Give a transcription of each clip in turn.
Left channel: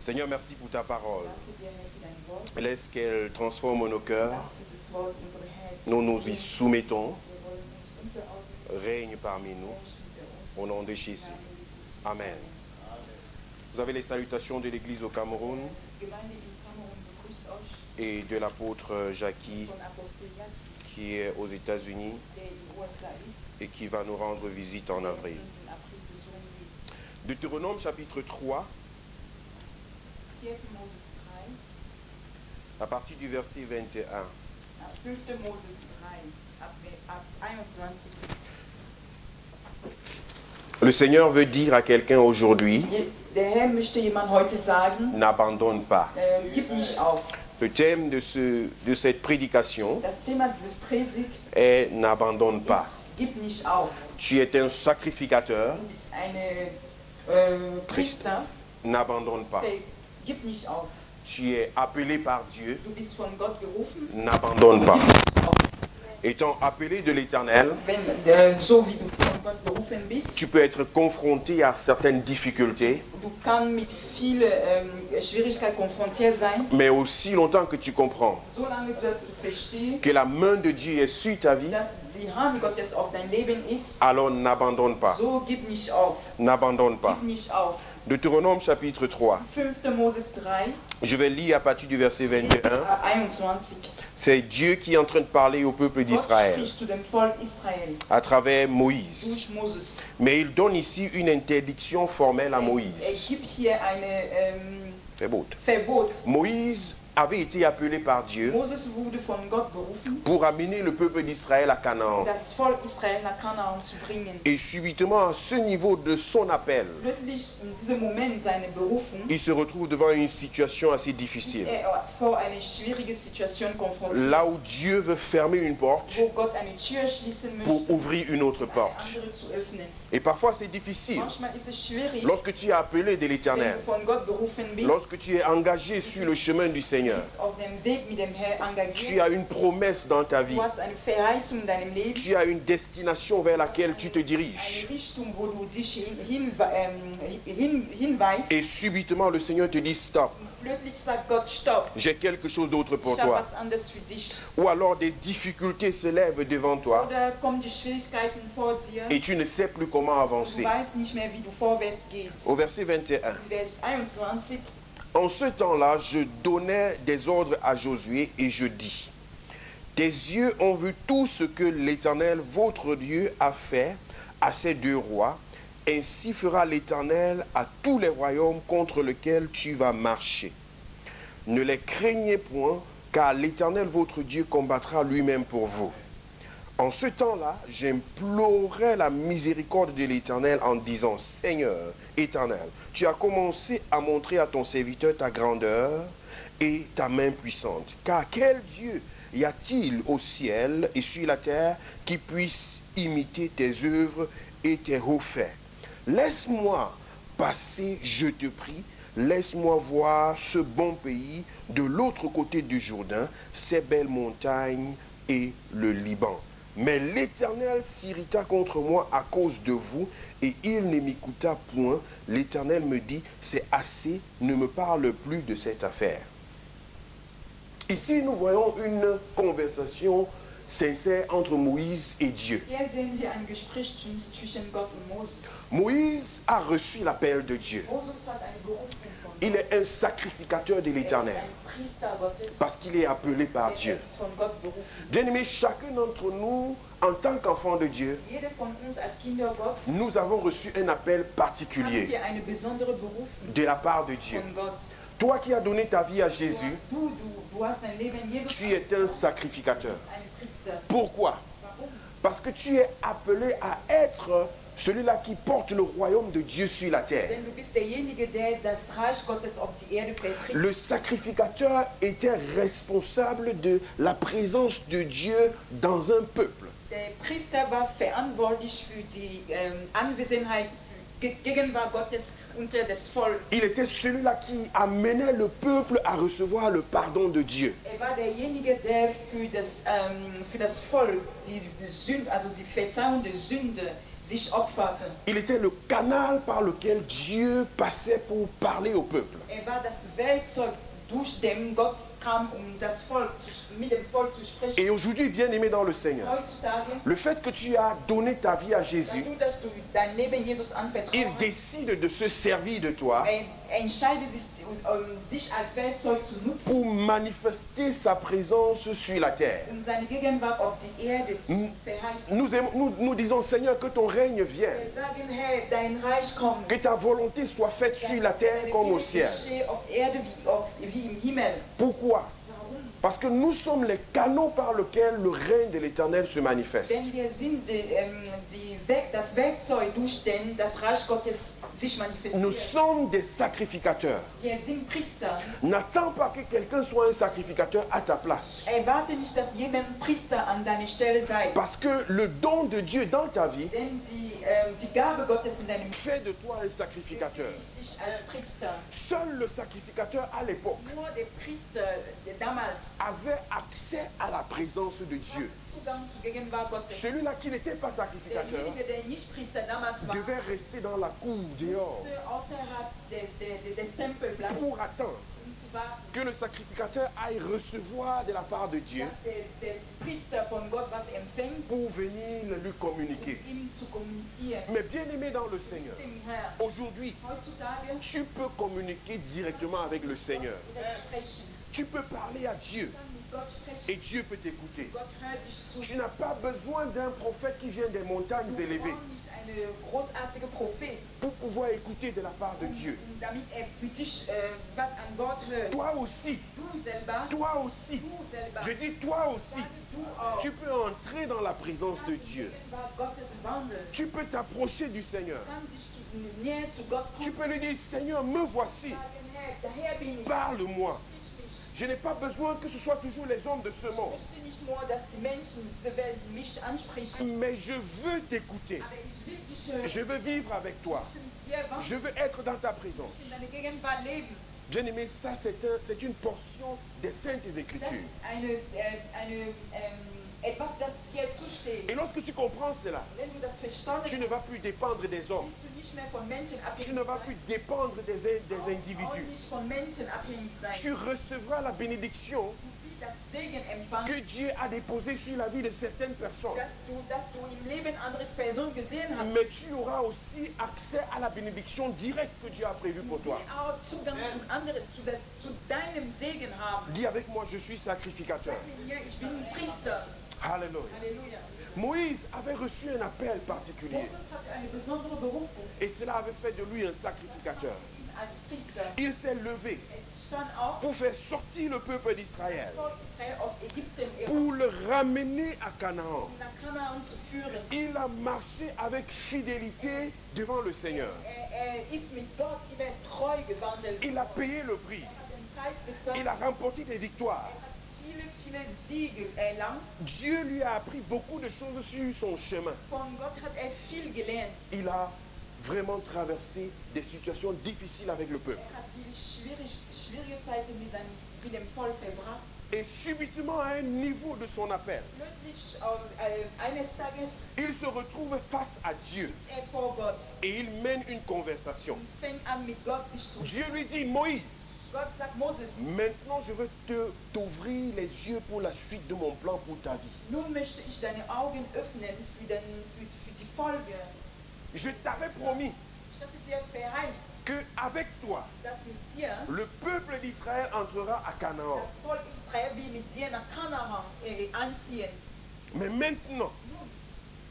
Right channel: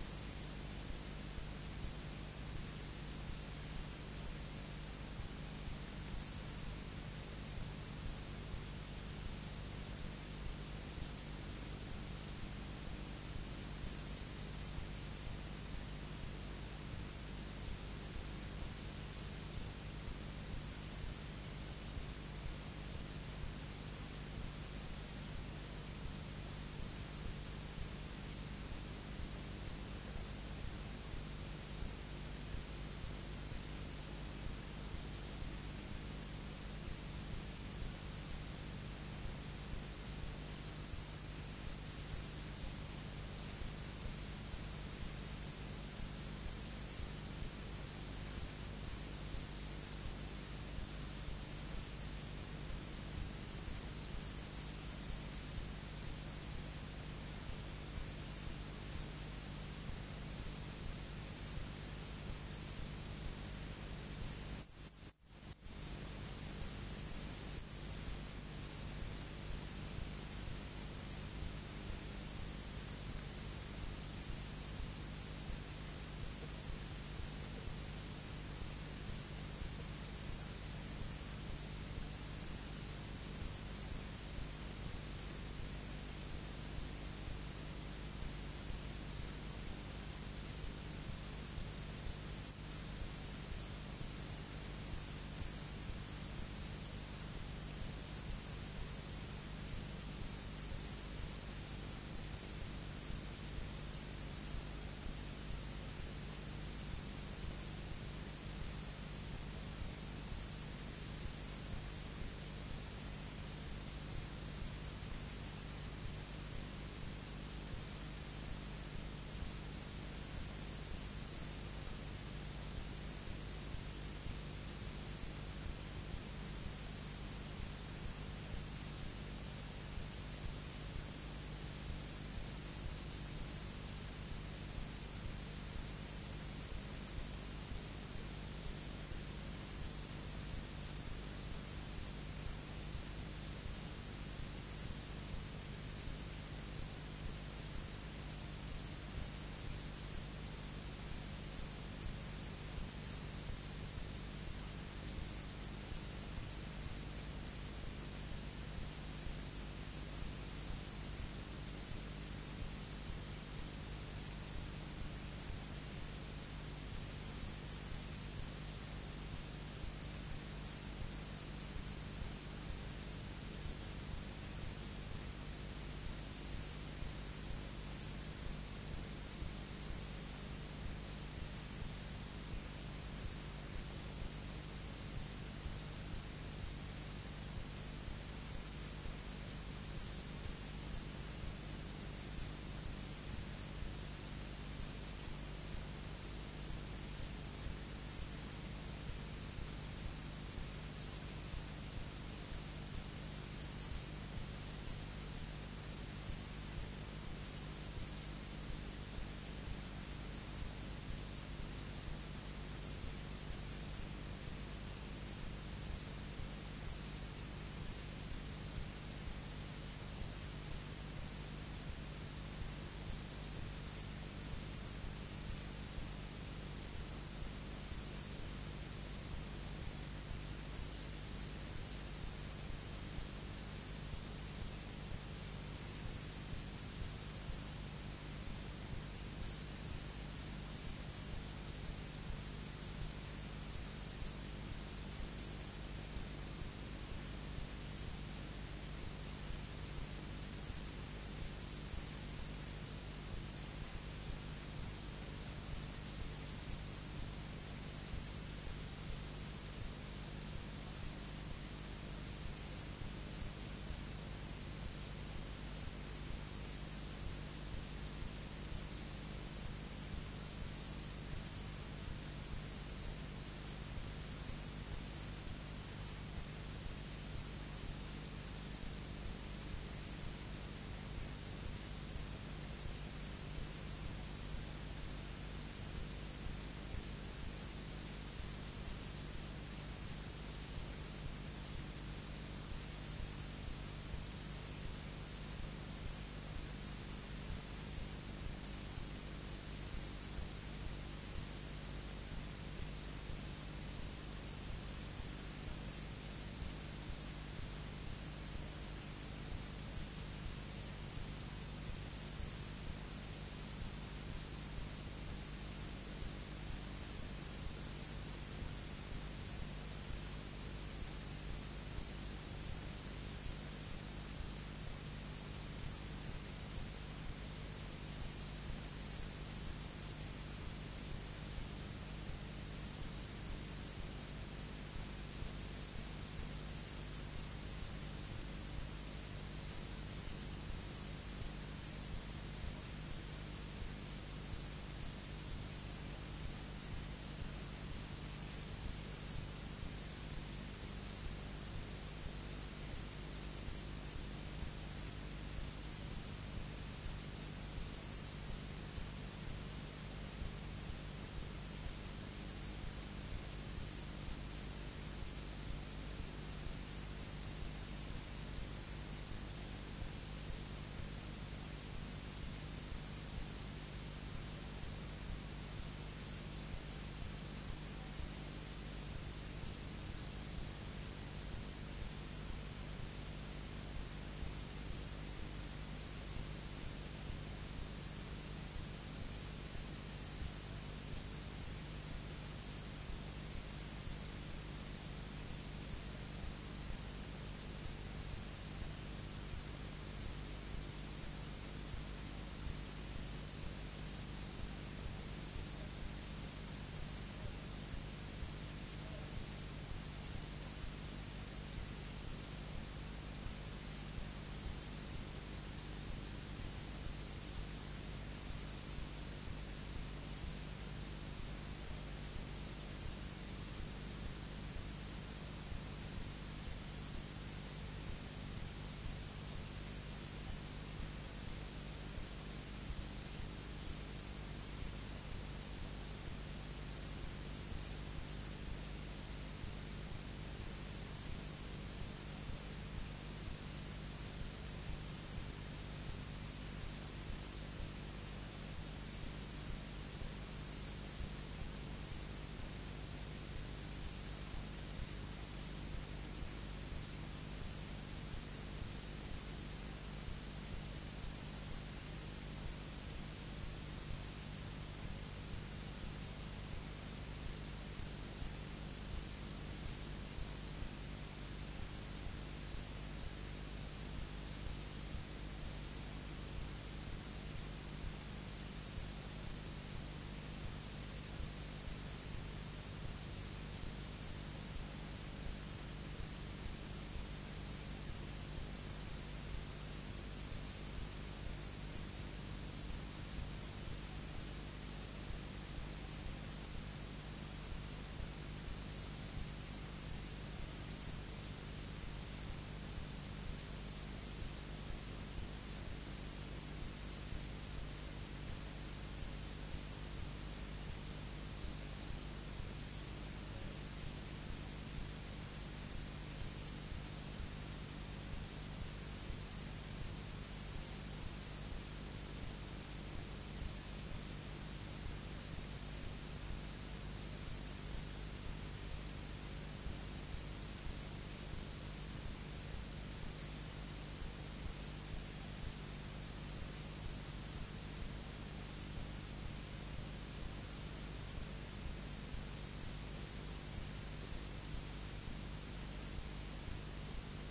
Seigneur, merci pour ta parole. Laisse qu'elle transforme nos cœurs. Nous nous y soumettons. Règne parmi nous. Au nom de Jésus. Amen. Vous avez les salutations de l'Église au Cameroun et de l'apôtre Jackie qui est aux États-Unis et qui va nous rendre visite en avril. Deutéronome chapitre 3, à partir du verset 21. Le Seigneur veut dire à quelqu'un aujourd'hui, n'abandonne pas. Le thème de cette prédication est n'abandonne pas. Tu es un sacrificateur. N'abandonne pas. Tu es appelé par Dieu. N'abandonne pas. Étant appelé de l'Éternel, tu peux être confronté à certaines difficultés, mais aussi longtemps que tu comprends que la main de Dieu est sur ta vie, alors n'abandonne pas. N'abandonne pas. Deutéronome chapitre 3. Je vais lire à partir du verset 21. C'est Dieu qui est en train de parler au peuple d'Israël à travers Moïse. Mais il donne ici une interdiction formelle à Moïse. Moïse avait été appelé par Dieu pour amener le peuple d'Israël à Canaan. Et subitement, à ce niveau de son appel, il se retrouve devant une situation assez difficile. Là où Dieu veut fermer une porte pour ouvrir une autre porte. Et parfois c'est difficile. Lorsque tu es appelé de l'Éternel, lorsque tu es engagé sur le chemin du Seigneur, tu as une promesse dans ta vie. Tu as une destination vers laquelle tu te diriges. Et subitement le Seigneur te dit stop. J'ai quelque chose d'autre pour toi. Ou alors des difficultés se lèvent devant toi et tu ne sais plus comment avancer. Au verset 21. En ce temps-là, je donnais des ordres à Josué et je dis: tes yeux ont vu tout ce que l'Éternel, votre Dieu, a fait à ces deux rois. Ainsi fera l'Éternel à tous les royaumes contre lesquels tu vas marcher. Ne les craignez point, car l'Éternel votre Dieu combattra lui-même pour vous. En ce temps-là, j'implorai la miséricorde de l'Éternel en disant: Seigneur Éternel, tu as commencé à montrer à ton serviteur ta grandeur et ta main puissante. Car quel Dieu y a-t-il au ciel et sur la terre qui puisse imiter tes œuvres et tes hauts faits? Laisse-moi passer, je te prie, laisse-moi voir ce bon pays de l'autre côté du Jourdain, ces belles montagnes et le Liban. Mais l'Éternel s'irrita contre moi à cause de vous, et il ne m'écouta point. L'Éternel me dit: c'est assez, ne me parle plus de cette affaire. Ici, nous voyons une conversation sincère entre Moïse et Dieu. Moïse a reçu l'appel de Dieu. Il est un sacrificateur de l'Éternel parce qu'il est appelé par Dieu. Bien-aimés, chacun d'entre nous, en tant qu'enfant de Dieu, nous avons reçu un appel particulier de la part de Dieu. Toi qui as donné ta vie à Jésus, tu es un sacrificateur. Pourquoi? Parce que tu es appelé à être celui-là qui porte le royaume de Dieu sur la terre. Le sacrificateur était responsable de la présence de Dieu dans un peuple. Il était celui-là qui amenait le peuple à recevoir le pardon de Dieu. Il était le canal par lequel Dieu passait pour parler au peuple. Et aujourd'hui, bien-aimé dans le Seigneur, le fait que tu as donné ta vie à Jésus, il décide de se servir de toi pour manifester sa présence sur la terre. Nous disons, Seigneur, que ton règne vienne, que ta volonté soit faite sur la terre comme au ciel. Pourquoi? Parce que nous sommes les canaux par lesquels le règne de l'Éternel se manifeste. Nous sommes des sacrificateurs. N'attends pas que quelqu'un soit un sacrificateur à ta place. Parce que le don de Dieu dans ta vie fait de toi un sacrificateur. Seul le sacrificateur à l'époque avait accès à la présence de Dieu. Celui-là qui n'était pas sacrificateur devait rester dans la cour dehors pour attendre que le sacrificateur aille recevoir de la part de Dieu pour venir lui communiquer. Mais bien aimé dans le Seigneur, aujourd'hui, tu peux communiquer directement avec le Seigneur. Tu peux parler à Dieu et Dieu peut t'écouter. Tu n'as pas besoin d'un prophète qui vient des montagnes élevées pour pouvoir écouter de la part de Dieu. Toi aussi, je dis toi aussi, tu peux entrer dans la présence de Dieu. Tu peux t'approcher du Seigneur. Tu peux lui dire, Seigneur, me voici. Parle-moi. Je n'ai pas besoin que ce soit toujours les hommes de ce monde. Mais je veux t'écouter. Je veux vivre avec toi. Je veux être dans ta présence. Bien aimé, ça c'est une portion des Saintes Écritures. Et lorsque tu comprends cela, tu ne vas plus dépendre des hommes. Tu ne vas plus dépendre des individus. Tu recevras la bénédiction que Dieu a déposée sur la vie de certaines personnes. Mais tu auras aussi accès à la bénédiction directe que Dieu a prévue pour toi. Dis avec moi, je suis sacrificateur. Alléluia. Moïse avait reçu un appel particulier. Et cela avait fait de lui un sacrificateur. Il s'est levé pour faire sortir le peuple d'Israël, pour le ramener à Canaan. Il a marché avec fidélité devant le Seigneur. Il a payé le prix. Il a remporté des victoires. Dieu lui a appris beaucoup de choses sur son chemin. Il a vraiment traversé des situations difficiles avec le peuple. Et subitement, à un niveau de son appel, il se retrouve face à Dieu et il mène une conversation. Dieu lui dit, Moïse, maintenant je veux t'ouvrir les yeux pour la suite de mon plan pour ta vie. Je t'avais promis qu'avec toi, le peuple d'Israël entrera à Canaan. Mais maintenant,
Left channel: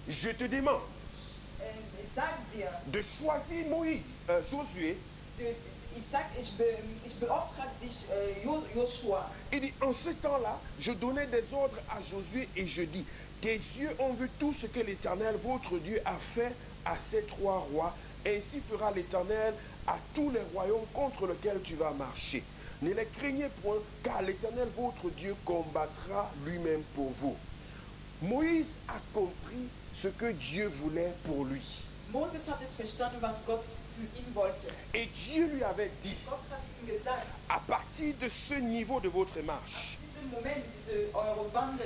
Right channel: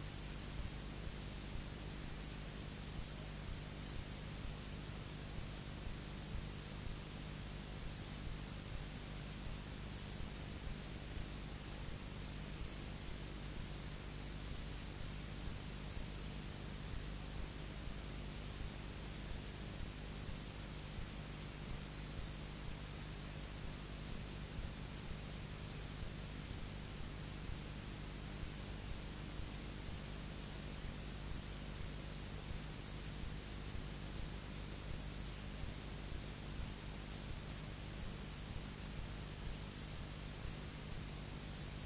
je te demande de choisir Josué. Il dit, en ce temps-là, je donnais des ordres à Josué et je dis, tes yeux ont vu tout ce que l'Éternel, votre Dieu, a fait à ces trois rois. Ainsi fera l'Éternel à tous les royaumes contre lesquels tu vas marcher. Ne les craignez point, car l'Éternel, votre Dieu, combattra lui-même pour vous. Moïse a compris ce que Dieu voulait pour lui. Et Dieu lui avait dit, à partir de ce niveau de votre marche,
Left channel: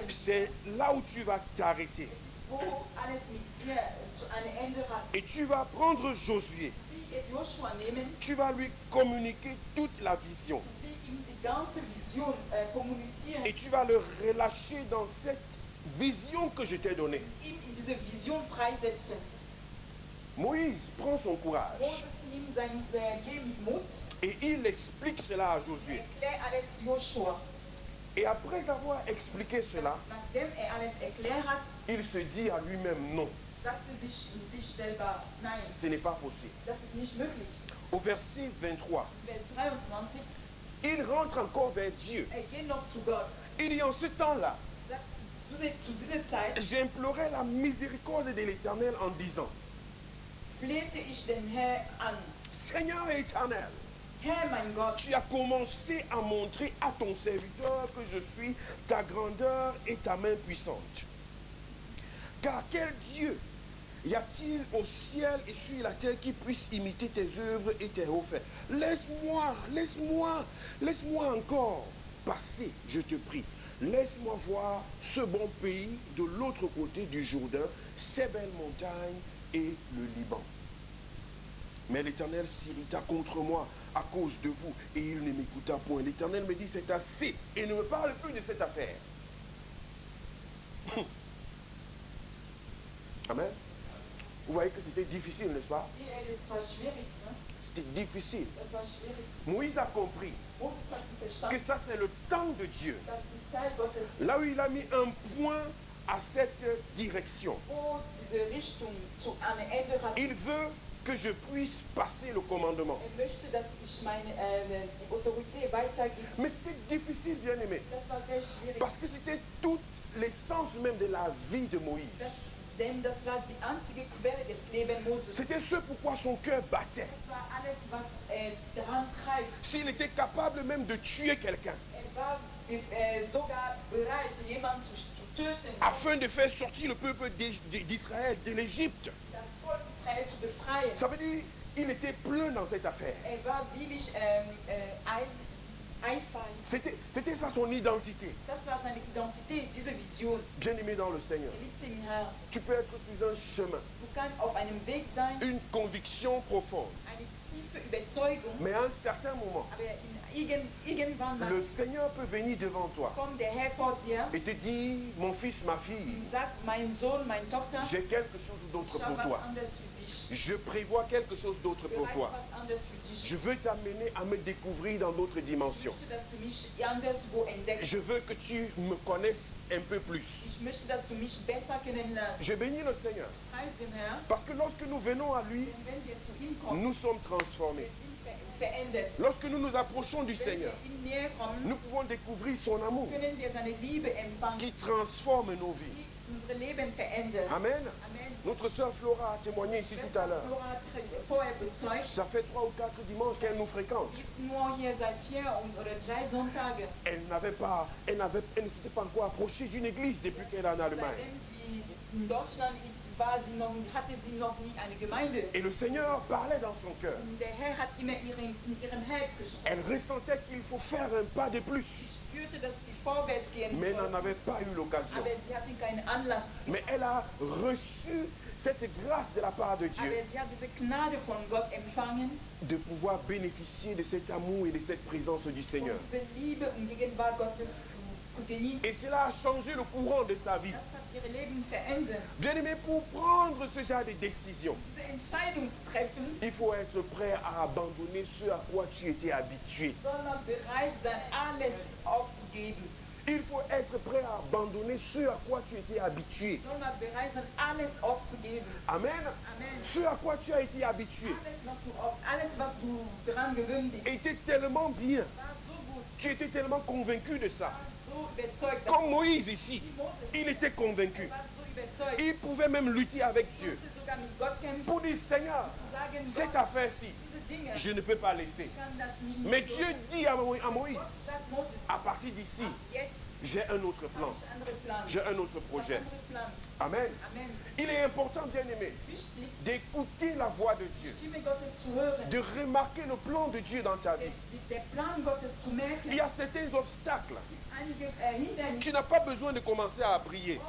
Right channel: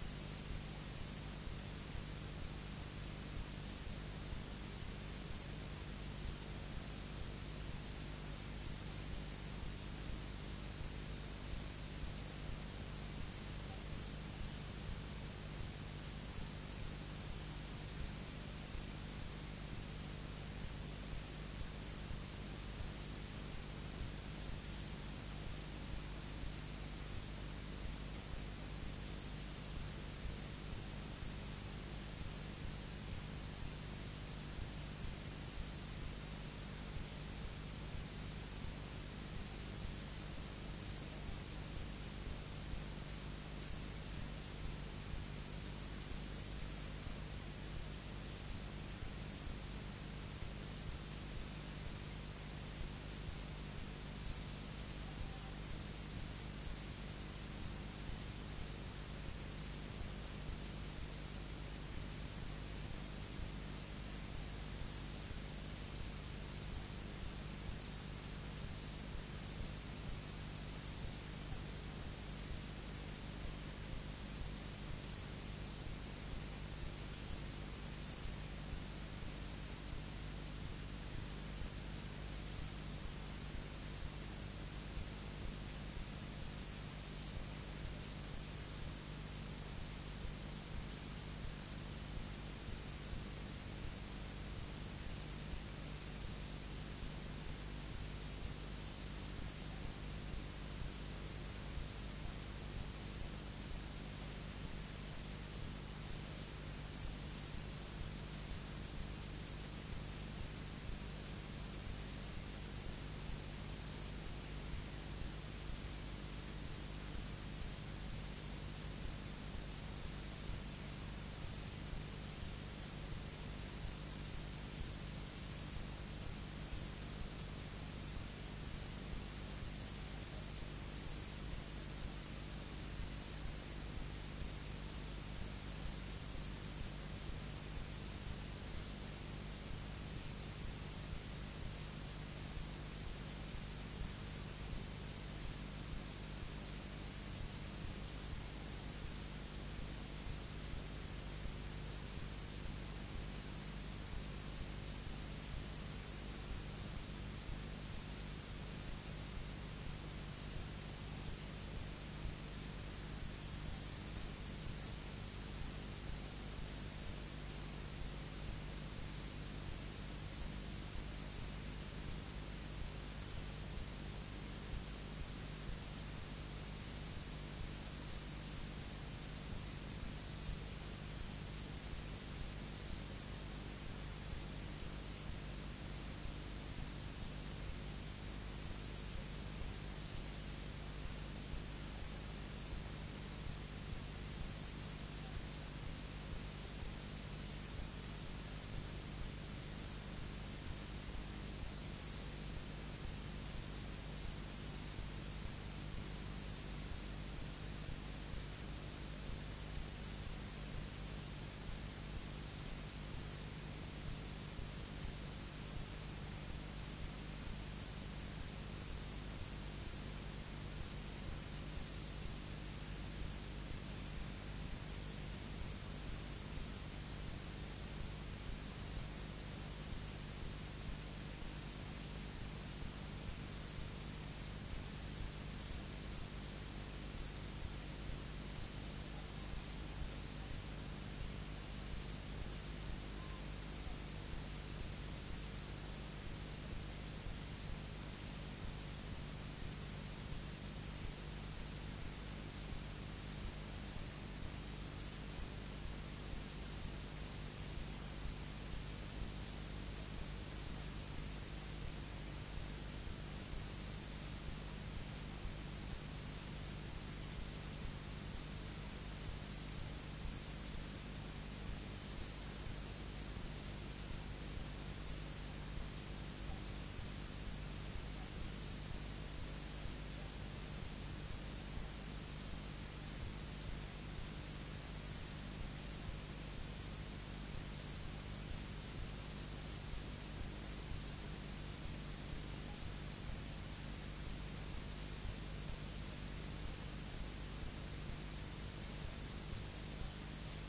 c'est là où tu vas t'arrêter. Et tu vas prendre Josué Tu vas lui communiquer toute la vision. Et tu vas le relâcher dans cette vision que je t'ai donnée. Moïse prend son courage et il explique cela à Josué. Et après avoir expliqué cela, il se dit à lui-même non. Ce n'est pas possible. Au verset 23, il rentre encore vers Dieu. Il dit en ce temps-là, j'implorais la miséricorde de l'Éternel en disant, Seigneur éternel, tu as commencé à montrer à ton serviteur que je suis ta grandeur et ta main puissante. Car quel Dieu y a-t-il au ciel et sur la terre qui puisse imiter tes œuvres et tes hauts faits? Laisse-moi encore passer, je te prie. Laisse-moi voir ce bon pays de l'autre côté du Jourdain, ces belles montagnes et le Liban. Mais l'Éternel s'irrita contre moi à cause de vous et il ne m'écouta point. L'Éternel me dit, c'est assez et ne me parle plus de cette affaire. Amen. Vous voyez que c'était difficile, n'est-ce pas? C'était difficile. Moïse a compris que ça c'est le temps de Dieu. Là où il a mis un point à cette direction. Il veut que je puisse passer le commandement. Mais c'était difficile, bien aimé. Parce que c'était tout l'essence même de la vie de Moïse. C'était ce pourquoi son cœur battait. S'il était capable même de tuer quelqu'un afin de faire sortir le peuple d'Israël de l'Égypte, ça veut dire qu'il était plein dans cette affaire. C'était ça son identité. Bien aimé dans le Seigneur, tu peux être sous un chemin, une conviction profonde, mais à un certain moment, le Seigneur peut venir devant toi et te dire, mon fils, ma fille, j'ai quelque chose d'autre pour toi. Je prévois quelque chose d'autre pour toi. Je veux t'amener à me découvrir dans d'autres dimensions. Je veux que tu me connaisses un peu plus. Je bénis le Seigneur. Parce que lorsque nous venons à lui, nous sommes transformés. Lorsque nous nous approchons du Seigneur, nous pouvons découvrir son amour qui transforme nos vies. Amen. Notre sœur Flora a témoigné ici tout à l'heure. Ça fait 3 ou 4 dimanches qu'elle nous fréquente. Elle ne s'était pas encore approchée d'une église depuis qu'elle est en Allemagne. Et le Seigneur parlait dans son cœur. Elle ressentait qu'il faut faire un pas de plus. Mais elle n'en avait pas eu l'occasion. Mais elle a reçu cette grâce de la part de Dieu de pouvoir bénéficier de cet amour et de cette présence du Seigneur. Et cela a changé le courant de sa vie. Bien aimé, pour prendre ce genre de décision, il faut être prêt à abandonner ce à quoi tu étais habitué. Il faut être prêt à abandonner ce à quoi tu étais habitué. Amen. Ce à quoi tu as été habitué était tellement bien. Tu étais tellement convaincu de ça. Comme Moïse ici, il était convaincu. Il pouvait même lutter avec Dieu pour dire, Seigneur, cette affaire-ci, je ne peux pas laisser. Mais Dieu dit à Moïse, à partir d'ici, j'ai un autre plan, j'ai un autre projet. Amen. Il est important, bien aimé, d'écouter la voix de Dieu, de remarquer le plan de Dieu dans ta vie. Il y a certains obstacles. Tu n'as pas besoin de commencer à prier.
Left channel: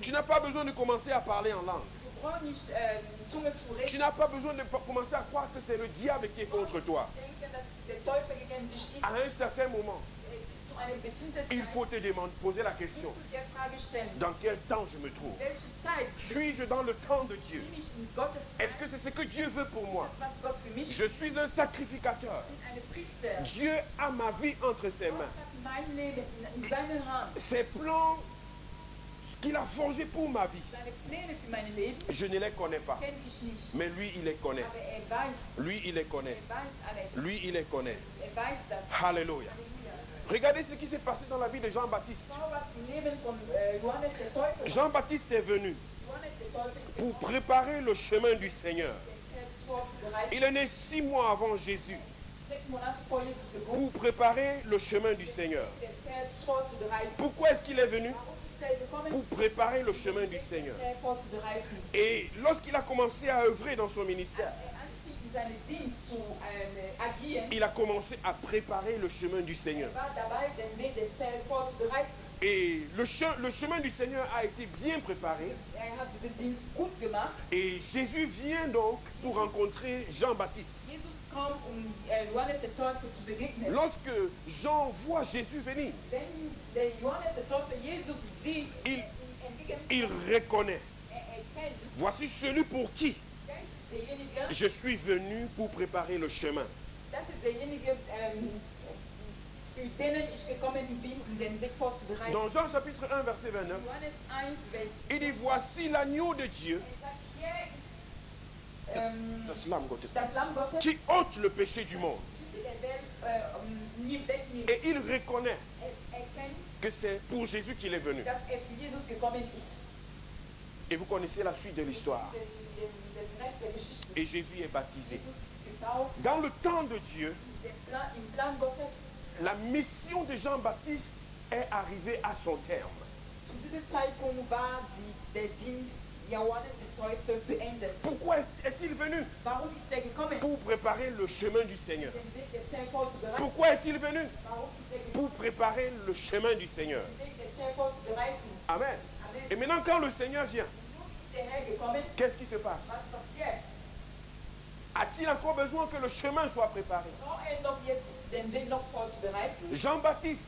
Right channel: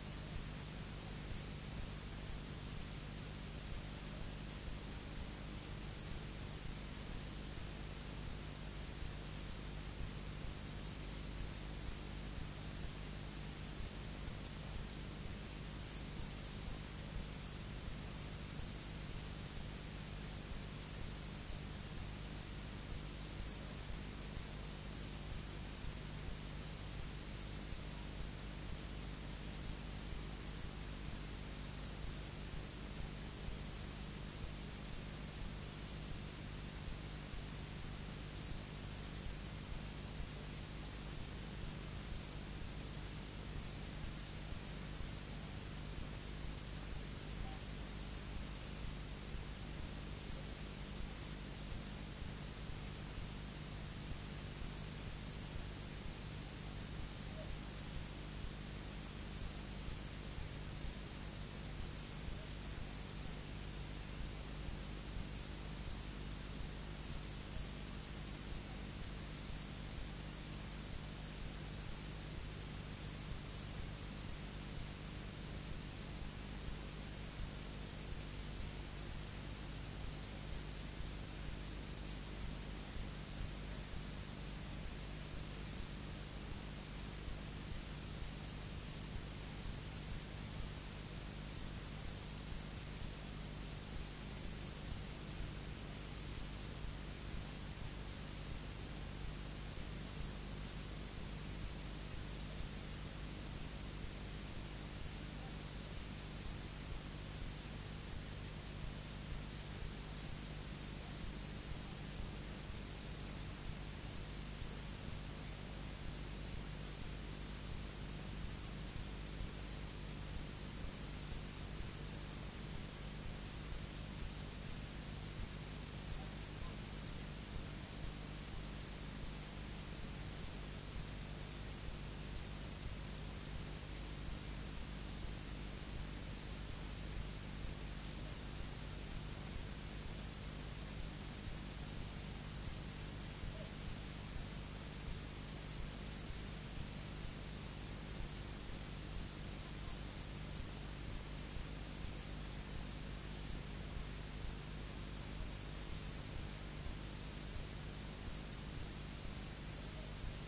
Tu n'as pas besoin de commencer à parler en langue. Tu n'as pas besoin de commencer à croire que c'est le diable qui est contre toi. À un certain moment, il faut te demander, poser la question. Dans quel temps je me trouve? Suis-je dans le temps de Dieu? Est-ce que c'est ce que Dieu veut pour moi? Je suis un sacrificateur. Dieu a ma vie entre ses mains. Ses plans qu'il a forgés pour ma vie, je ne les connais pas. Mais lui, il les connaît. Lui, il les connaît. Lui, il les connaît. Alléluia. Regardez ce qui s'est passé dans la vie de Jean-Baptiste. Jean-Baptiste est venu pour préparer le chemin du Seigneur. Il est né 6 mois avant Jésus pour préparer le chemin du Seigneur. Pourquoi est-ce qu'il est venu? Pour préparer le chemin du Seigneur. Et lorsqu'il a commencé à œuvrer dans son ministère, il a commencé à préparer le chemin du Seigneur. Et le chemin du Seigneur a été bien préparé. Et Jésus vient donc pour rencontrer Jean-Baptiste. Lorsque Jean voit Jésus venir, il reconnaît. Voici celui pour qui je suis venu pour préparer le chemin. Dans Jean chapitre 1 verset 29, il dit voici l'agneau de Dieu qui ôte le péché du monde. Et il reconnaît que c'est pour Jésus qu'il est venu. Et vous connaissez la suite de l'histoire. Et Jésus est baptisé. Dans le temps de Dieu, la mission de Jean-Baptiste est arrivée à son terme. Pourquoi est-il venu? Pour préparer le chemin du Seigneur. Pourquoi est-il venu? Pour préparer le chemin du Seigneur. Amen. Et maintenant quand le Seigneur vient, qu'est-ce qui se passe? A-t-il encore besoin que le chemin soit préparé? Jean-Baptiste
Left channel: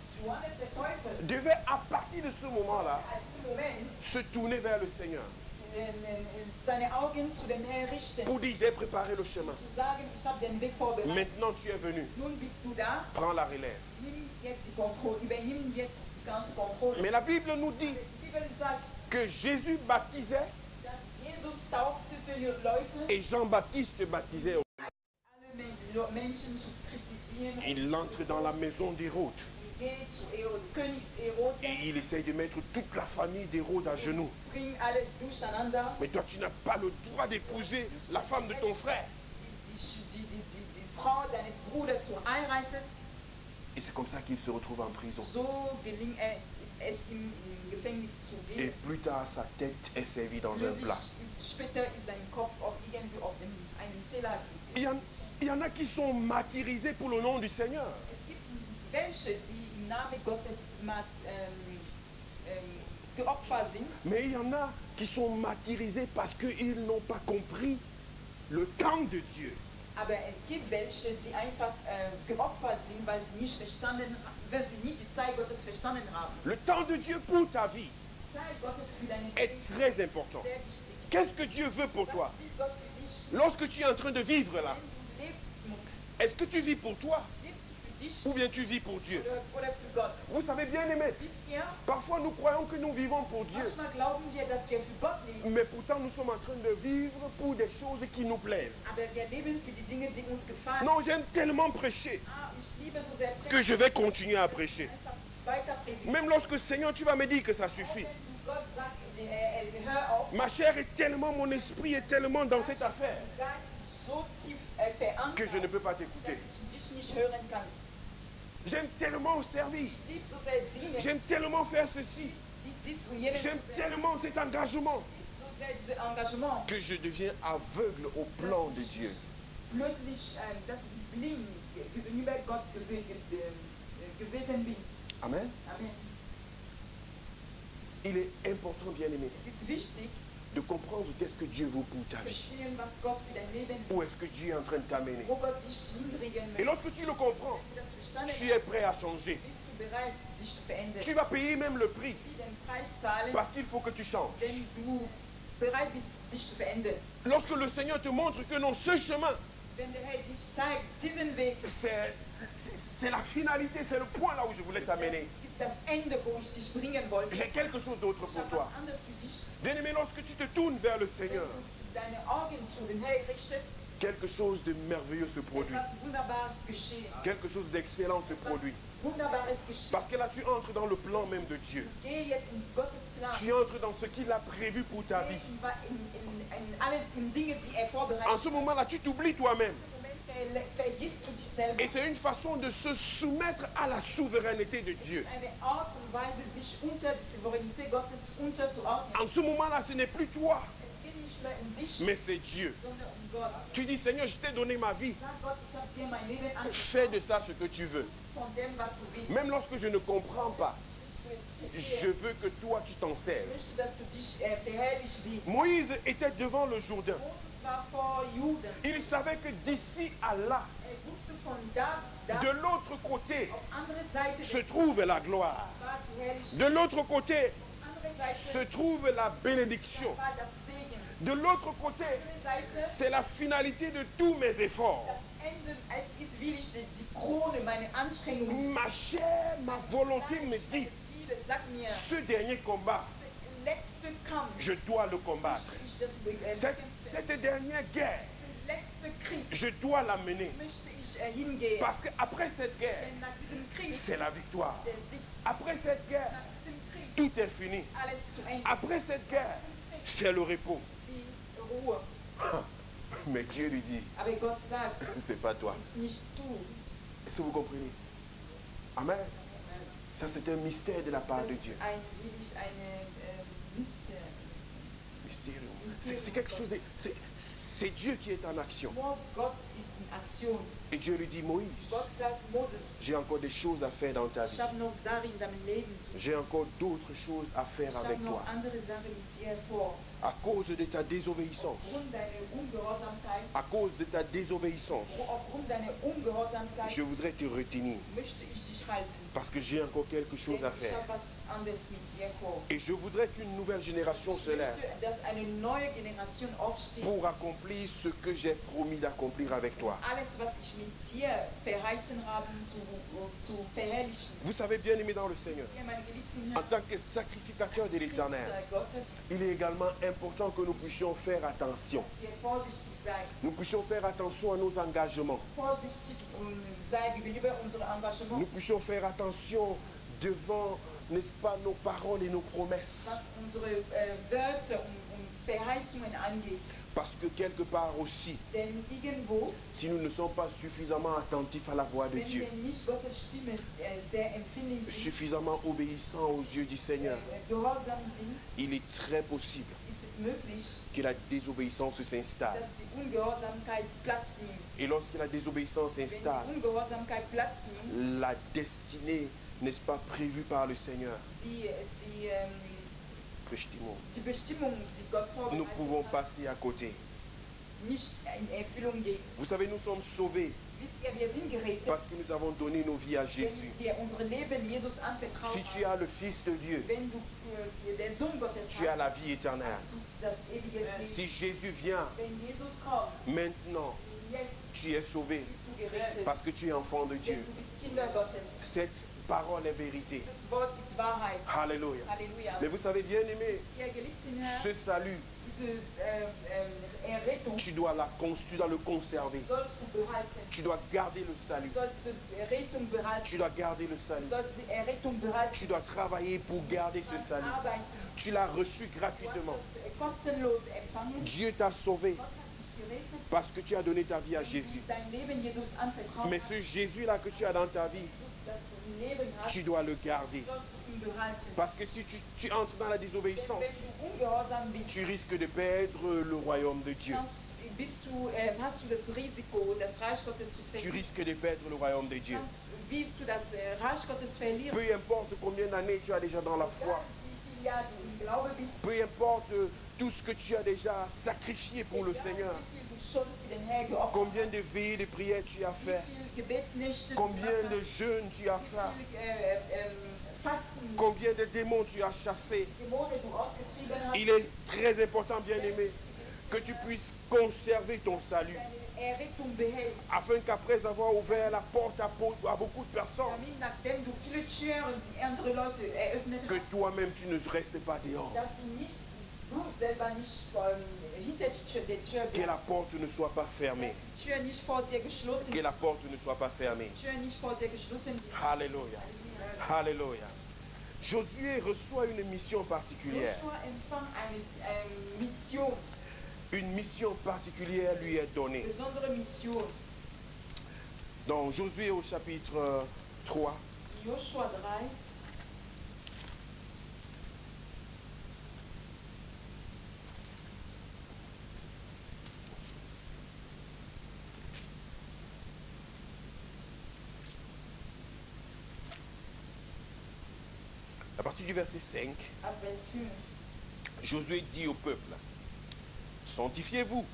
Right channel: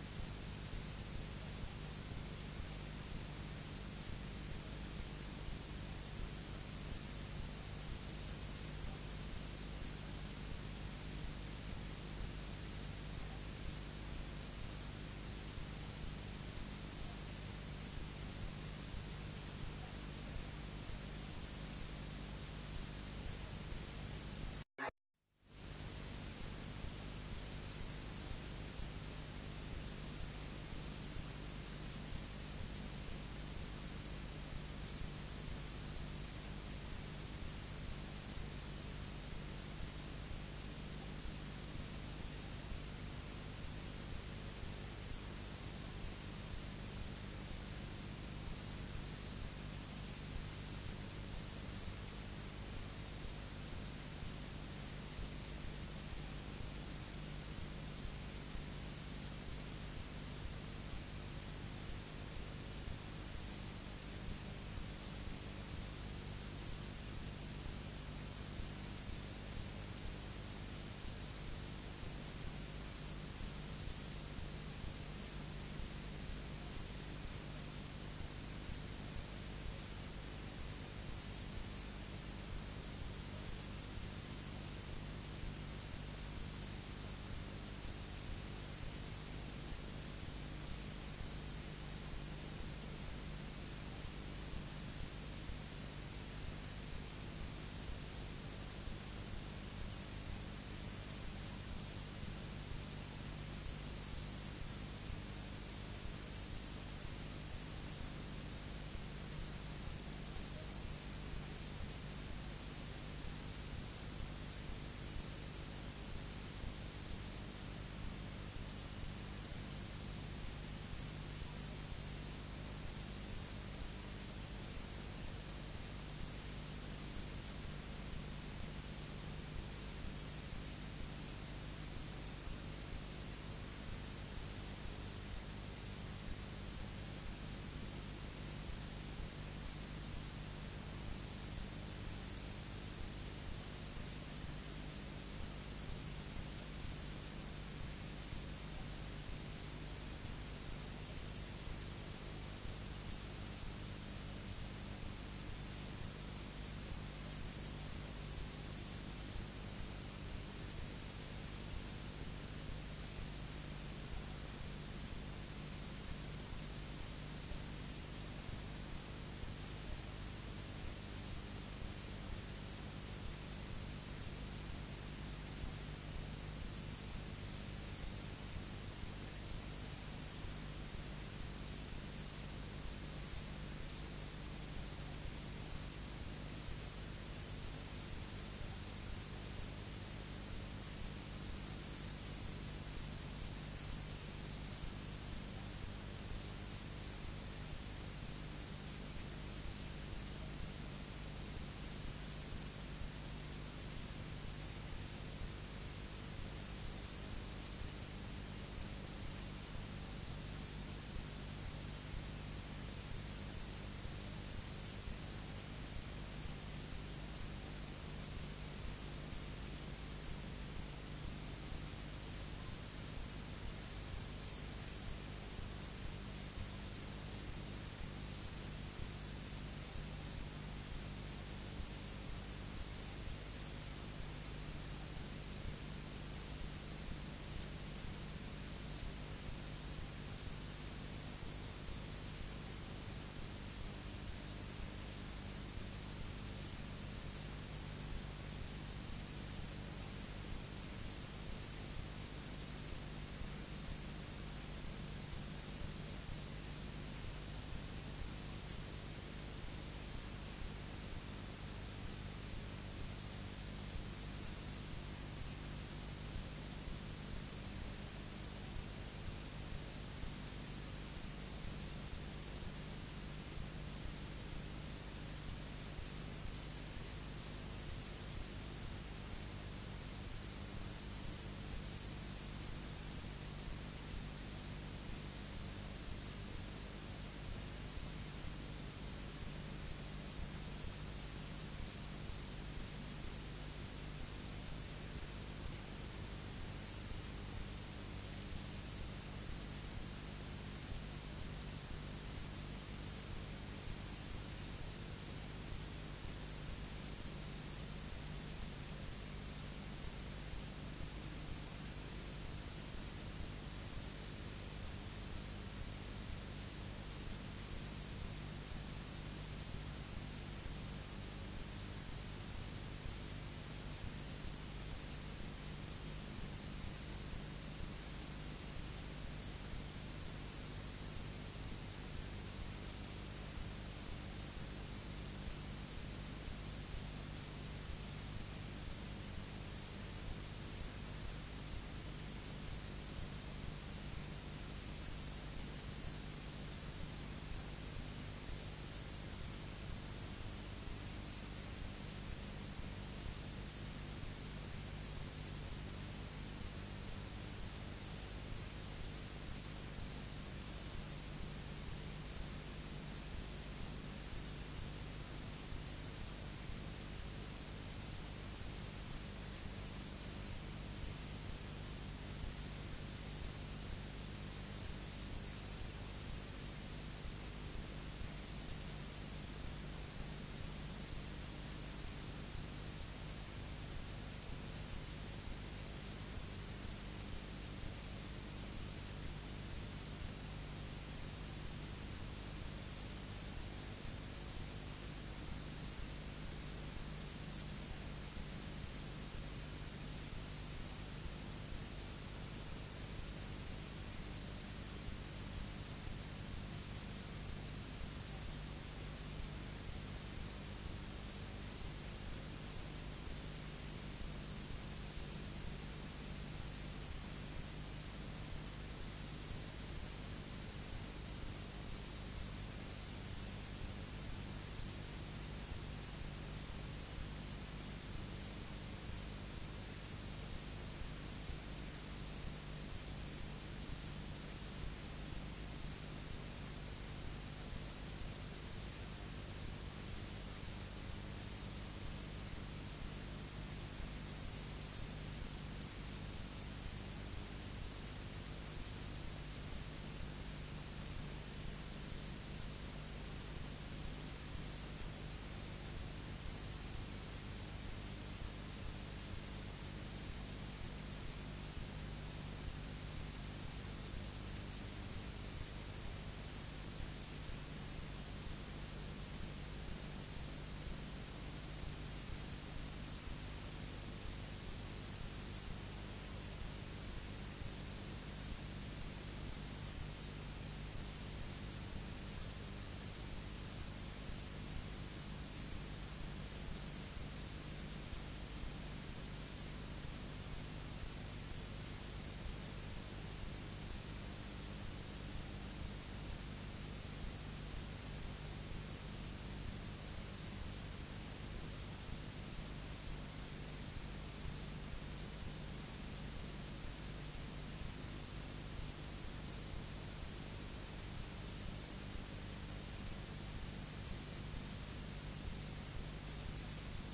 devait à partir de ce moment-là se tourner vers le Seigneur pour dire j'ai préparé le chemin. Maintenant tu es venu. Prends la relève. Mais la Bible nous dit que Jésus baptisait et Jean-Baptiste baptisait. Il entre dans la maison d'Hérode et il essaye de mettre toute la famille d'Hérode à genoux. Mais toi tu n'as pas le droit d'épouser la femme de ton frère. Et c'est comme ça qu'il se retrouve en prison. Et plus tard sa tête est servie dans un plat. Il y en a qui sont martyrisés pour le nom du Seigneur. Mais il y en a qui sont martyrisés parce qu'ils n'ont pas compris le temps de Dieu. Le temps de Dieu pour ta vie est très important. Qu'est-ce que Dieu veut pour toi? Lorsque tu es en train de vivre là, est-ce que tu vis pour toi ou bien tu vis pour Dieu? Vous savez bien aimé, parfois nous croyons que nous vivons pour Dieu, mais pourtant nous sommes en train de vivre pour des choses qui nous plaisent. Non, j'aime tellement prêcher que je vais continuer à prêcher. Même lorsque Seigneur tu vas me dire que ça suffit. Ma chair est tellement, mon esprit est tellement dans cette affaire que je ne peux pas t'écouter. J'aime tellement servir. J'aime tellement faire ceci. J'aime tellement cet engagement que je deviens aveugle au plan de Dieu. Amen. Il est important, bien aimé, de comprendre qu'est-ce que Dieu veut pour ta vie. Où est-ce que Dieu est en train de t'amener. Et lorsque tu le comprends, tu es prêt à changer. Tu vas payer même le prix. Parce qu'il faut que tu changes. Lorsque le Seigneur te montre que non, ce chemin, c'est la finalité, c'est le point là où je voulais t'amener. J'ai quelque chose d'autre pour toi. Bien-aimé, lorsque tu te tournes vers le Seigneur, quelque chose de merveilleux se produit. Quelque chose d'excellent se produit. Parce que là, tu entres dans le plan même de Dieu. Tu entres dans ce qu'il a prévu pour ta vie. En ce moment-là, tu t'oublies toi-même. Et c'est une façon de se soumettre à la souveraineté de Dieu. En ce moment-là, ce n'est plus toi, mais c'est Dieu. Tu dis, Seigneur, je t'ai donné ma vie. Fais de ça ce que tu veux. Même lorsque je ne comprends pas, je veux que toi tu t'en sers. Moïse était devant le Jourdain. Il savait que d'ici à là, de l'autre côté, se trouve la gloire. De l'autre côté, se trouve la bénédiction. De l'autre côté, c'est la finalité de tous mes efforts. Ma chair, ma volonté me dit, ce dernier combat, je dois le combattre. Cette dernière guerre, je dois la mener. Parce qu'après cette guerre, c'est la victoire. Après cette guerre, tout est fini. Après cette guerre, c'est le repos. Mais Dieu lui dit, c'est pas toi. Est-ce que vous comprenez? Amen. Ça, c'est un mystère de la part de Dieu. C'est quelque chose de... C'est Dieu qui est en action. Et Dieu lui dit, Moïse, j'ai encore des choses à faire dans ta vie. J'ai encore d'autres choses à faire avec toi. À cause de ta désobéissance. À cause de ta désobéissance. Je voudrais te retenir. Parce que j'ai encore quelque chose à faire. Et je voudrais qu'une nouvelle génération se lève pour accomplir ce que j'ai promis d'accomplir avec toi. Vous savez, bien aimé dans le Seigneur, en tant que sacrificateur de l'Éternel, il est également important que nous puissions faire attention. Nous puissions faire attention à nos engagements. Nous puissions faire attention devant, n'est-ce pas, nos paroles et nos promesses. Parce que quelque part aussi, si nous ne sommes pas suffisamment attentifs à la voix de Dieu, suffisamment obéissants aux yeux du Seigneur, il est très possible que la désobéissance s'installe. Et lorsque la désobéissance s'installe, la destinée, n'est-ce pas, prévue par le Seigneur, nous pouvons passer à côté. Vous savez, nous sommes sauvés parce que nous avons donné nos vies à Jésus. Si tu as le Fils de Dieu, tu as la vie éternelle. Si Jésus vient maintenant, tu es sauvé parce que tu es enfant de Dieu. Cette parole est vérité. Alléluia. Mais vous savez, bien aimé, ce salut, tu dois le conserver. Tu dois garder le salut. Tu dois garder le salut. Tu dois travailler pour garder ce salut. Tu l'as reçu gratuitement. Dieu t'a sauvé parce que tu as donné ta vie à Jésus. Mais ce Jésus-là que tu as dans ta vie, tu dois le garder. Parce que si tu entres dans la désobéissance, tu risques de perdre le royaume de Dieu. Tu risques de perdre le royaume de Dieu. Peu importe combien d'années tu as déjà dans la foi, peu importe tout ce que tu as déjà sacrifié pour le Seigneur. Combien de veillées de prière tu as fait? Combien de jeûnes tu as fait? Combien de démons tu as chassés? Il est très important, bien-aimé, que tu puisses conserver ton salut. Afin qu'après avoir ouvert la porte à beaucoup de personnes, que toi-même tu ne restes pas dehors. Que la porte ne soit pas fermée. Que la porte ne soit pas fermée. Alléluia. Alléluia. Josué reçoit une mission particulière. Une mission particulière lui est donnée. Dans Josué au chapitre 3. À partir du verset 5, Josué dit au peuple, sanctifiez-vous,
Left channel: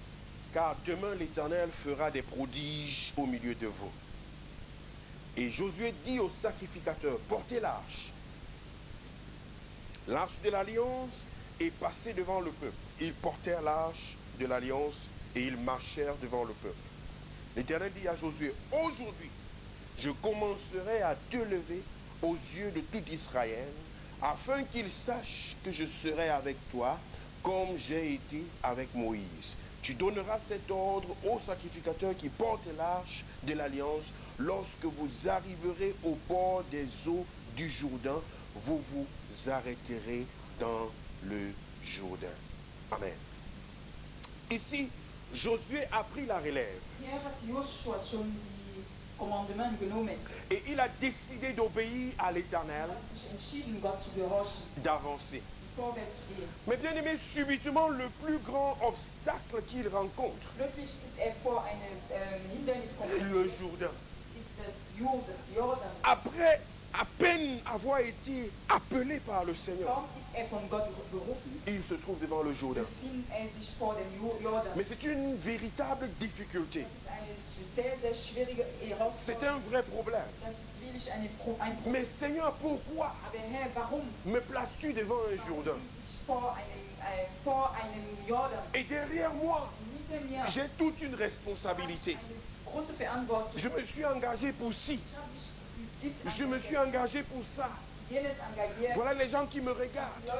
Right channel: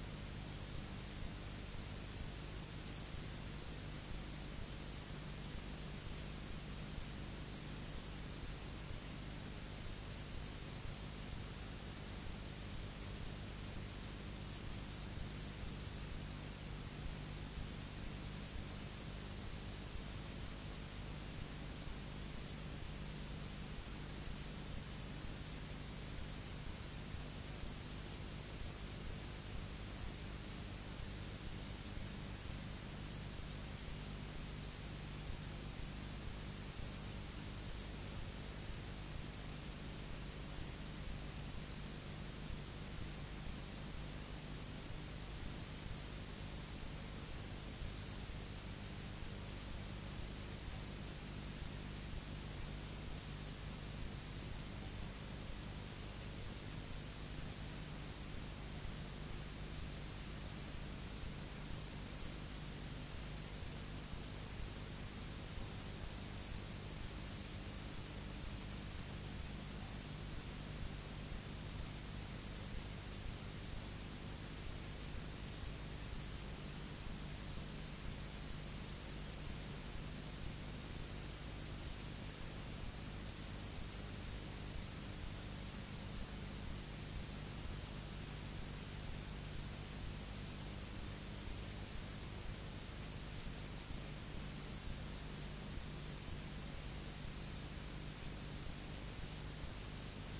car demain l'Éternel fera des prodiges au milieu de vous. Et Josué dit aux sacrificateurs, portez l'arche. L'arche de l'alliance est passée devant le peuple. Ils portèrent l'arche de l'alliance et ils marchèrent devant le peuple. L'Éternel dit à Josué, aujourd'hui, je commencerai à te lever aux yeux de tout Israël, afin qu'ils sachent que je serai avec toi, comme j'ai été avec Moïse. Tu donneras cet ordre aux sacrificateurs qui portent l'arche de l'alliance. Lorsque vous arriverez au bord des eaux du Jourdain, vous vous arrêterez dans le Jourdain. Amen. Ici, Josué a pris la relève. Et il a décidé d'obéir à l'Éternel, d'avancer. Mais bien aimé, subitement, le plus grand obstacle qu'il rencontre, c'est le Jourdain. Après à peine avoir été appelé par le Seigneur, il se trouve devant le Jourdain. Mais c'est une véritable difficulté. C'est un vrai problème. Mais Seigneur, pourquoi me places-tu devant un Jourdain? Et derrière moi, j'ai toute une responsabilité. Je me suis engagé pour ci. Je me suis engagé pour ça. Voilà les gens qui me regardent.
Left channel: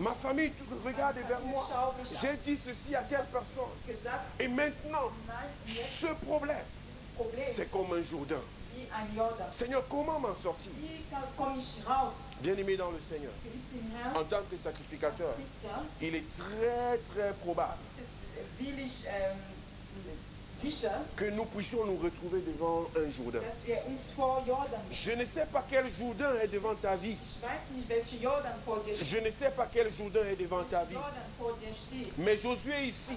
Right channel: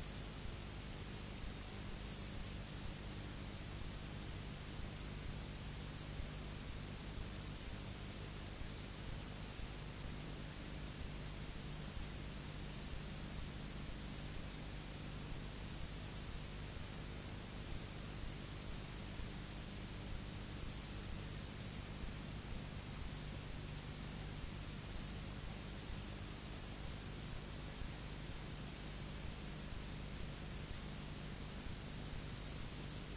Ma famille regarde vers moi. J'ai dit ceci à telle personne. Et maintenant, ce problème, c'est comme un Jourdain. Seigneur, comment m'en sortir? Bien-aimé dans le Seigneur, en tant que sacrificateur, il est très très probable que nous puissions nous retrouver devant un Jourdain. Je ne sais pas quel Jourdain est devant ta vie. Je ne sais pas quel Jourdain est devant ta vie. Mais Josué ici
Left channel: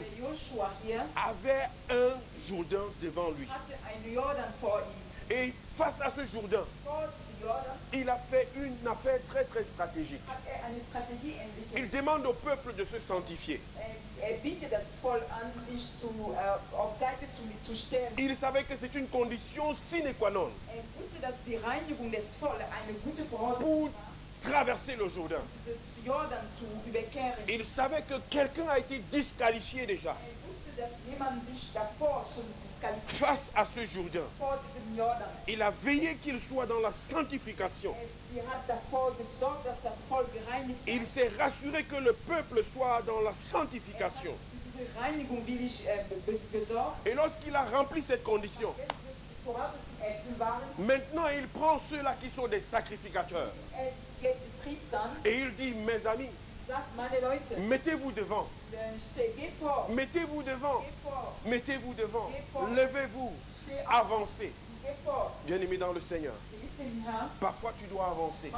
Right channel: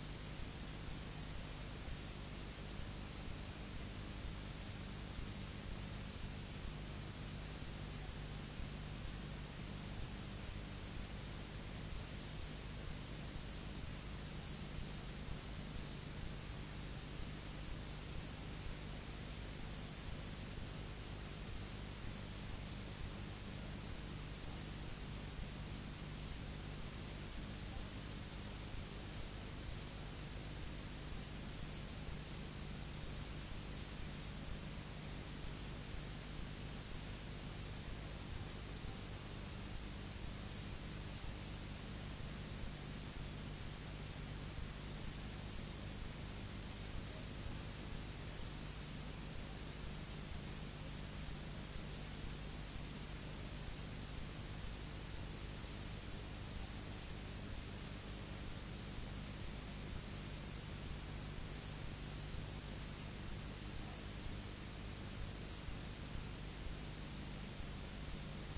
avait un Jourdain devant lui. Et face à ce Jourdain, il a fait une affaire très très stratégique. Il demande au peuple de se sanctifier. Il savait que c'est une condition sine qua non pour traverser le Jourdain. Il savait que quelqu'un a été disqualifié déjà face à ce Jourdain. Il a veillé qu'il soit dans la sanctification. Il s'est rassuré que le peuple soit dans la sanctification. Et lorsqu'il a rempli cette condition, maintenant il prend ceux-là qui sont des sacrificateurs. Et il dit, mes amis, mettez-vous devant. Mettez-vous devant. Mettez-vous devant. Levez-vous. Avancez. Bien-aimé dans le Seigneur, parfois tu dois avancer.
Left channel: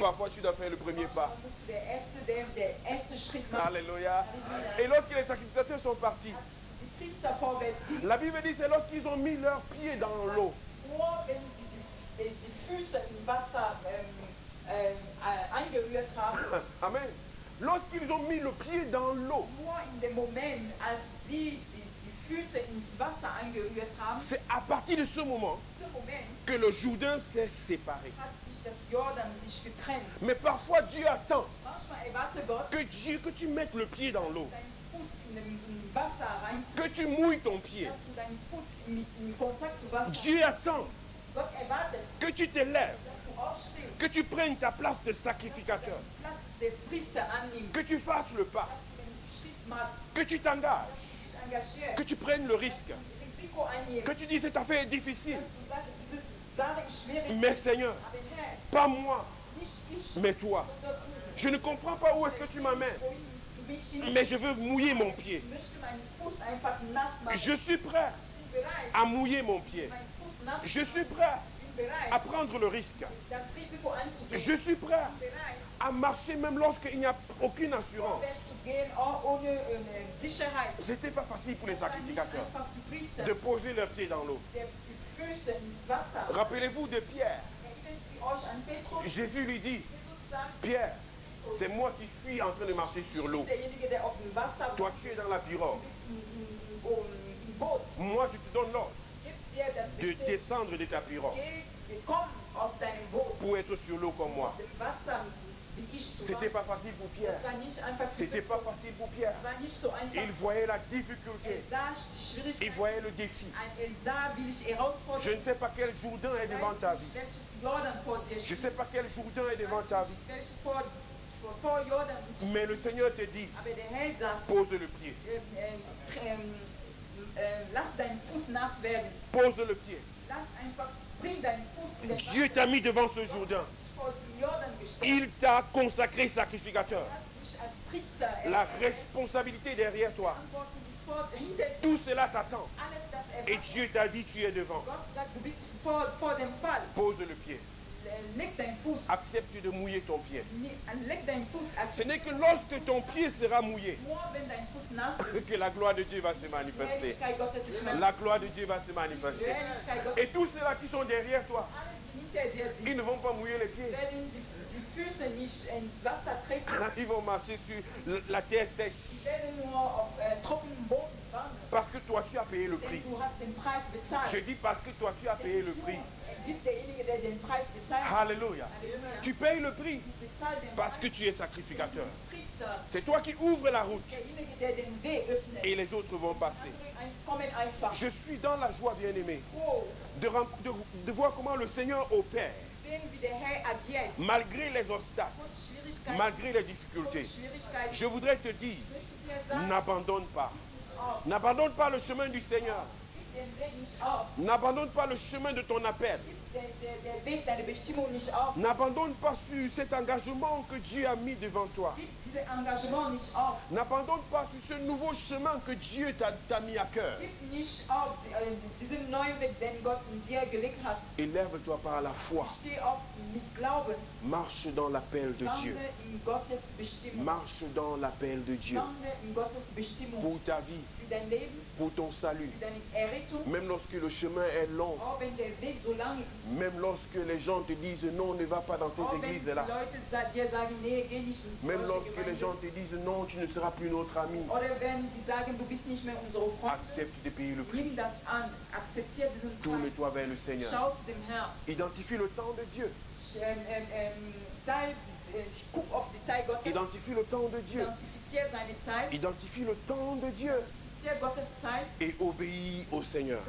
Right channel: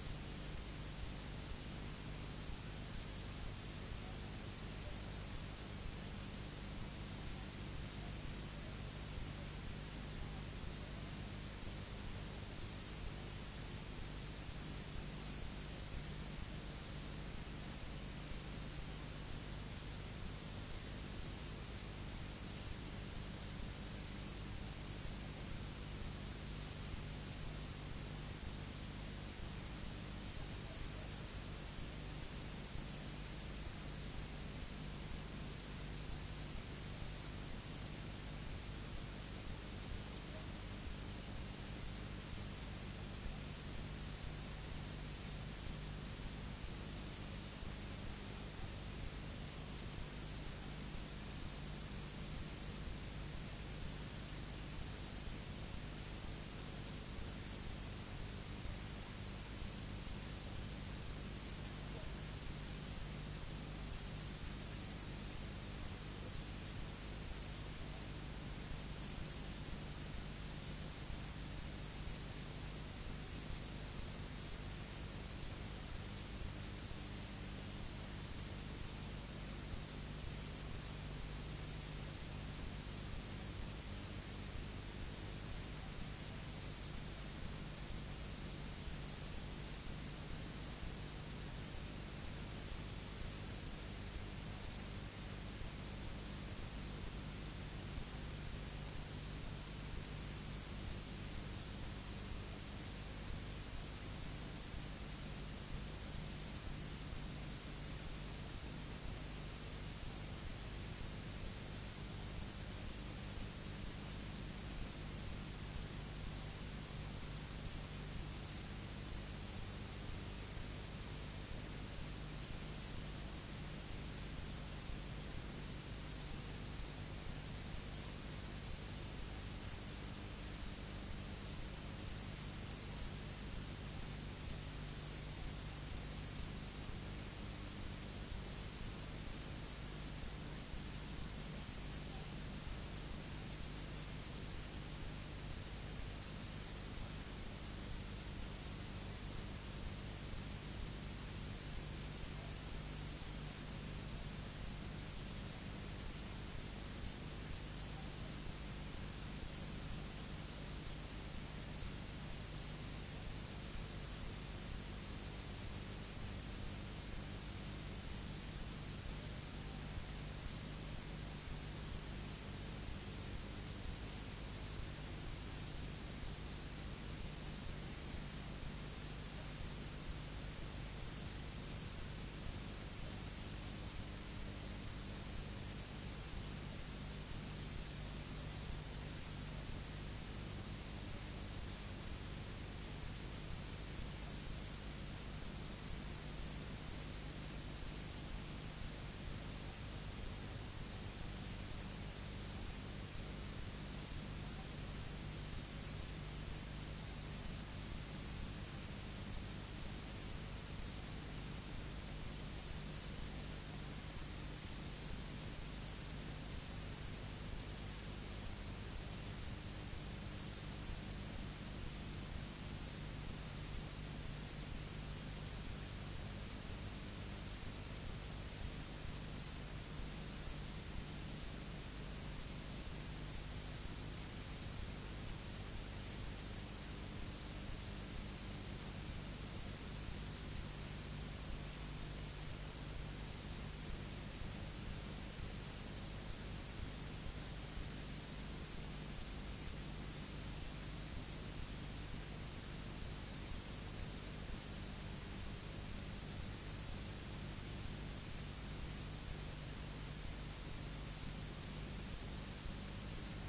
Parfois tu dois faire le premier pas. Alléluia. Et lorsque les sacrificateurs sont partis, la Bible dit c'est lorsqu'ils ont mis leurs pieds dans l'eau. Amen. Lorsqu'ils ont mis le partir de ce moment que le Jourdain s'est séparé. Mais parfois Dieu attend que tu mettes le pied dans l'eau, que tu mouilles ton pied. Dieu attend que tu t'élèves, que tu prennes ta place de sacrificateur, que tu fasses le pas, que tu t'engages, que tu prennes le risque, que tu dis cette affaire est difficile. Mais Seigneur, pas moi, mais toi. Je ne comprends pas où est-ce que tu m'amènes, mais je veux mouiller mon pied. Je suis prêt à mouiller mon pied. Je suis prêt à prendre le risque. Je suis prêt à marcher même lorsqu'il n'y a aucune assurance. C'était pas facile pour les sacrificateurs de poser leurs pieds dans l'eau. Rappelez-vous de Pierre. Jésus lui dit, Pierre, c'est moi qui suis en train de marcher sur l'eau. Toi, tu es dans la pirogue. Moi, je te donne l'ordre de descendre de ta pirogue pour être sur l'eau comme moi. C'était pas facile pour Pierre. C'était pas facile pour Pierre. Il voyait la difficulté. Il voyait le défi. Je ne sais pas quel Jourdain est devant ta vie. Je ne sais pas quel Jourdain est devant ta vie. Mais le Seigneur te dit, pose le pied. Pose le pied. Dieu t'a mis devant ce Jourdain. Il t'a consacré sacrificateur. La responsabilité derrière toi. Tout cela t'attend. Et Dieu t'a dit, tu es devant. Pose le pied. Accepte de mouiller ton pied. Ce n'est que lorsque ton pied sera mouillé que la gloire de Dieu va se manifester. La gloire de Dieu va se manifester. Et tous ceux-là qui sont derrière toi, ils ne vont pas mouiller les pieds. Ils vont marcher sur la terre sèche. Parce que toi, tu as payé le prix. Je dis parce que toi, tu as payé le prix. Alléluia. Tu payes le prix parce que tu es sacrificateur. C'est toi qui ouvres la route et les autres vont passer. Je suis dans la joie, bien-aimé, de voir comment le Seigneur opère malgré les obstacles, malgré les difficultés. Je voudrais te dire, n'abandonne pas. N'abandonne pas le chemin du Seigneur. N'abandonne pas le chemin de ton appel. N'abandonne pas sur cet engagement que Dieu a mis devant toi. N'abandonne pas sur ce nouveau chemin que Dieu t'a mis à cœur. Élève-toi par la foi. Marche dans l'appel de Dieu. Marche dans l'appel de Dieu. Pour ta vie, pour ton salut. Même lorsque le chemin est long, même lorsque les gens te disent non, ne va pas dans ces églises-là. Même lorsque les gens te disent non, tu ne seras plus notre ami. Accepte de payer le prix. Tourne-toi vers le Seigneur. Identifie le temps de Dieu. Identifie le temps de Dieu. Identifie le temps de Dieu. Et obéis au Seigneur.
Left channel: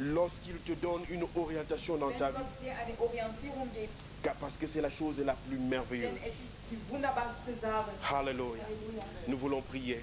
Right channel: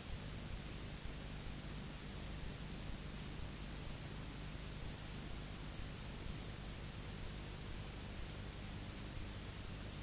Lorsqu'il te donne une orientation dans ta vie. Parce que c'est la chose la plus merveilleuse. Alléluia. Nous voulons prier.